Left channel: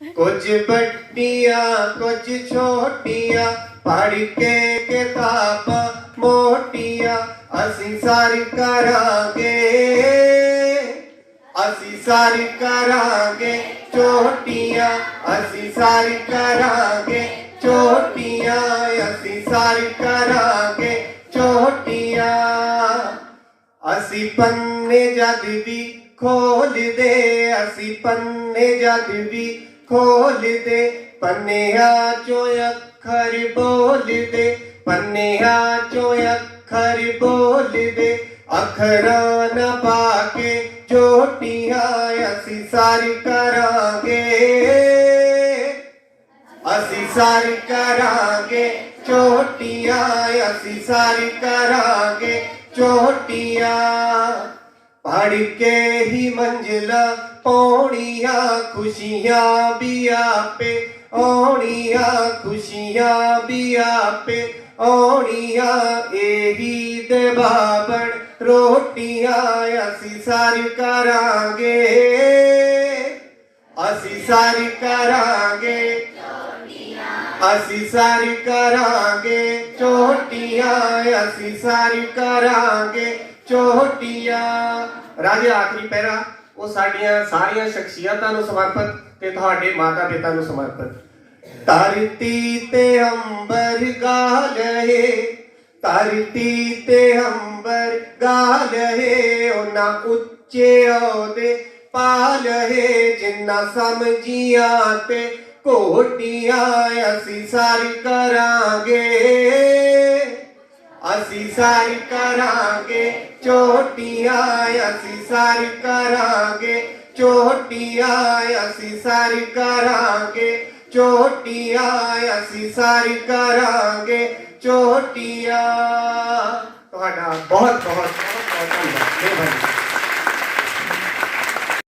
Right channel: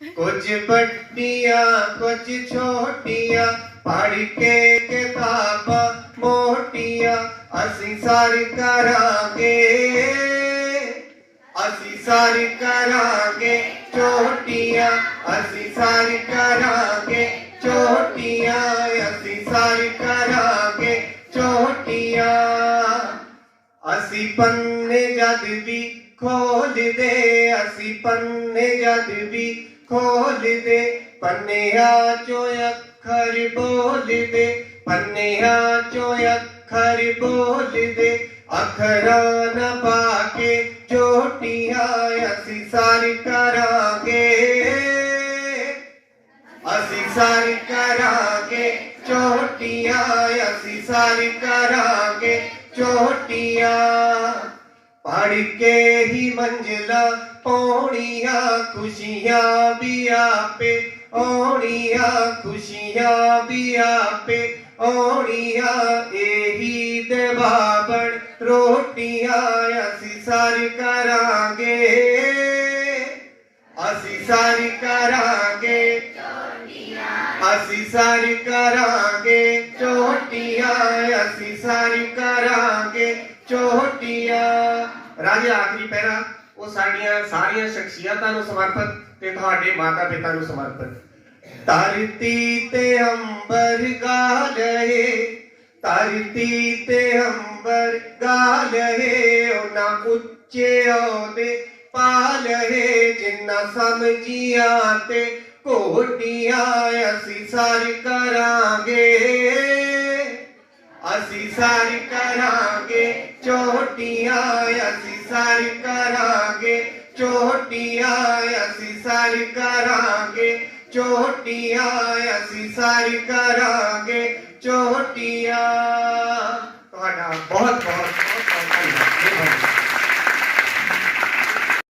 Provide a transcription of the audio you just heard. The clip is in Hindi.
ਕੁਝ ਵੱਡੀਆਂ, ਕੁਝ ਛੋਟੀਆਂ ਪੜ ਕੇ ਕਿਤਾਬਾਂ ਮੋਟੀਆਂ, ਅਸੀਂ ਸਰ ਕਰਾਂਗੇ। ਅਸੀਂ ਸਰ ਕਰਾਂਗੇ ਛੋਟੀਆਂ, ਅਸੀਂ ਸਰ ਕਰਾਂਗੇ ਛੋਟੀਆਂ, ਅਸੀਂ ਸਰ ਕਰਾਂਗੇ ਛੋਟੀਆਂ। ਅਸੀਂ ਪੰਨੇ ਜਦ ਵੀ ਖੋਲਦੇ ਅਸੀਂ ਪੰਨੇ ਜਦ ਵੀ खोल दे पन्निया चो अखर बोल दे पन्निया चो अखर बोल दे अखरा न पाके चोटिया असी सारी करांगे असी सारी करांगे चोटिया असी सारी करांगे चोटिया पढ़ के ही मंजिला पौड़िया खुशियाँ बिया पे औड़िया खुशियाँ भी पे औड़िया एही दे बाबड़ रोटियाँ असी सारी करांगे। असी सारी करांगे। असी सारी करांगे। चोटियाँ असी सारी करांगे। चोटियाँ। राजे आखिरी पैरा। ਉਹ ਸਾਡੀਆਂ ਸਾਰੀਆਂ ਸ਼ਖਸੀਅਤਾਂ ਨੂੰ ਸਮਰਪਿਤ ਤੇ ਤੁਹਾਡੇ ਮਾਤਾ ਪਿਤਾ ਨੂੰ ਸਮਰਪਿਤ। ਧਰਤੀ ਤੇ ਅੰਬਰ ਗਾ ਲਏ ਧਰਤੀ ਤੇ ਅੰਬਰ ਗਾ ਲਏ, ਉਹਨਾਂ ਉੱਚੇ ਅਹੁਦੇ ਪਾ ਲਏ, ਜਿੰਨਾ ਸਮਝੀਆਂ ਤੇ ਕੋਟੀਆਂ ਅਸੀਂ ਸਾਰੀ ਕਰਾਂਗੇ। असीसार करागे, चोटिया असीसार करागे, चोटिया असीसार करागे, चोटिया असीसार करागे, चोटिया। तो बहुत बहुत बहुत बहुत धन्यवाद